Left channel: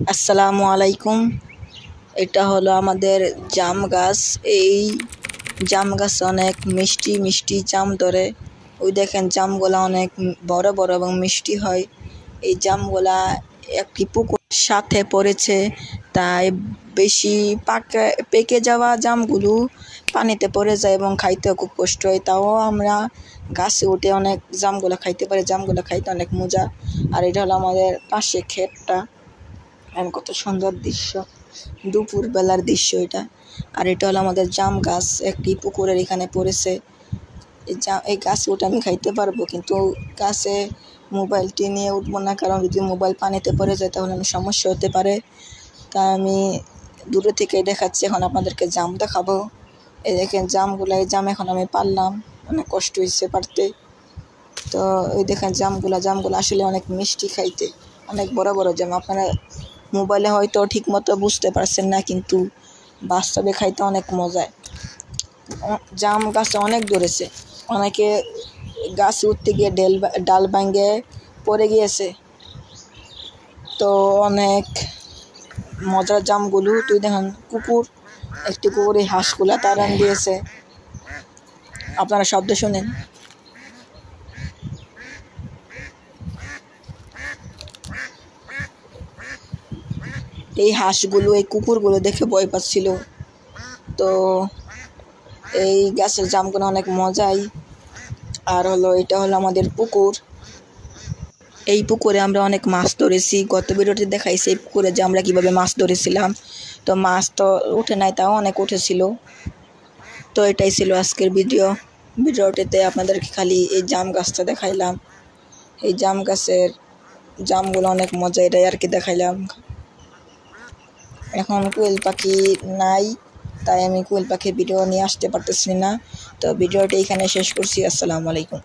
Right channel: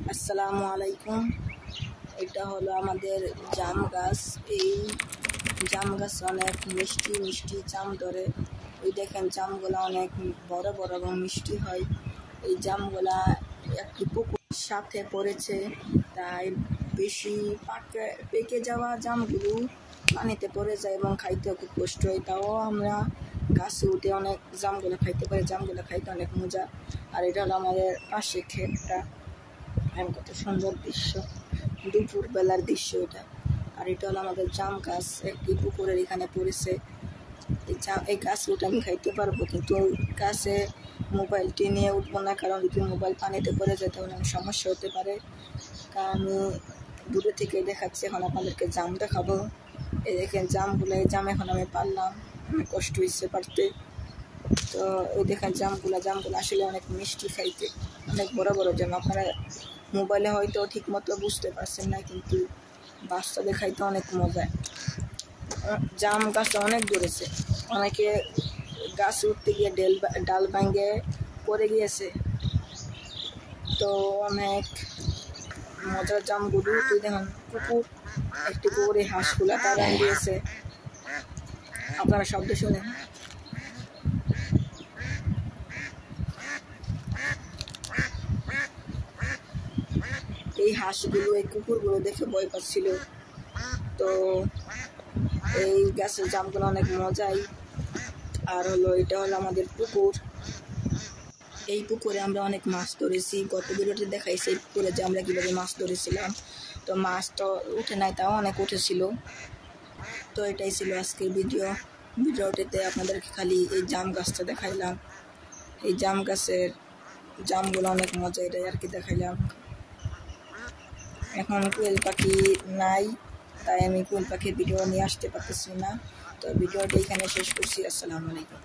আসসালামু আলাইকুম। এটা হলো আমাদের জাম গাছ। এই জাম গাছে অনেক মিষ্টি মিষ্টি জাম ধরে। ওই দেখেন জামগুলা অনেক বড় বড় এবং মিষ্টি হয়। এই জামগুলা একটি পুকুর সাথে পড়েছে, তাই বেশি পেকে যাওয়া জামগুলো পানিতে পড়ে যায় এবং খাইতে খুব কষ্ট হয়। তাও আমরা গাছে উঠে অনেক জামগুলা খাইতে পারি। জামগুলা খাইতে অনেক মজা। আর এটা হলো আমাদের পাশে ক্ষেতটা। আর কত সুন্দর দৃশ্য, দুপুর বেলার দৃশ্য এটা। আর এটা হলো আমাদের জাম গাছ, একটি পুকুরের এখানে পড়েছে। এই গাছে উঠে আমি খাইতে পারবো, কিন্তু গাছে মোবাইলটি নিয়ে উঠবো না, কারণ যদি মোবাইল পানিতে পড়ে যায় তাহলে আমার সমস্যা হতে পারে। তাই আমি দূরে থেকে দেখাচ্ছি। এখন আপনাদেরকে জাম দেখাবো। এই দেখেন জামগুলো, এই জাম এখন আমি পারলাম, অনেক কষ্ট হয়েছে পারতে। তো এই দেখেন জামগুলো আসলে অনেক মিষ্টি খাইতে, অনেক বড় বড় জাম। আপনারা মোবাইলে হয়তো ঠিক মতো বুঝতে পারছেন না, কিন্তু বাস্তবে খাইতে অনেক মজা। জাম গাছে অনেক ধরেছে, অনেকে গাছ উঠতে গিয়ে ডাল ভাঙে পড়ে গিয়েছে। তো অনেক মজার জামগুলো। তুই দেখেন একটি কুকুরে হাঁসগুলা তাড়ান দিয়েছে। আপনারা শব্দ শুনেন। এই হাঁসগুলো এই কুকুরগুলো দেখে ভয় পাচ্ছিল। তো এই গাছের জামগুলো অনেক মজাই। আর এটা হলো আমাদের পুকুর। এই পুকুরে আমরা অনেক মাছ ধরেছি। গত ভিডিওতে দেখাইছি এই পুকুরে যে আমরা কীভাবে মাছ ধরেছিলাম। তো মাছ তো উঠে নাই, তাও অনেক উঠেছিল। তো এটাই ছিল আজকের ভিডিওটিতে আপনাদেরকে খালি এই জাম গাছটা দেখাইলাম। এই জাম গাছের জামগুলো অনেক মজা, এটাই আর কি দেখাইলাম। এখন কোয়েল পাখি নাই, তাই আমি কোয়েল পাখির ভিডিও নিয়ে আসতে পারতেছি না। তো ভিডিওটি এখানে শেষ করছি। আসসালামু আলাইকুম।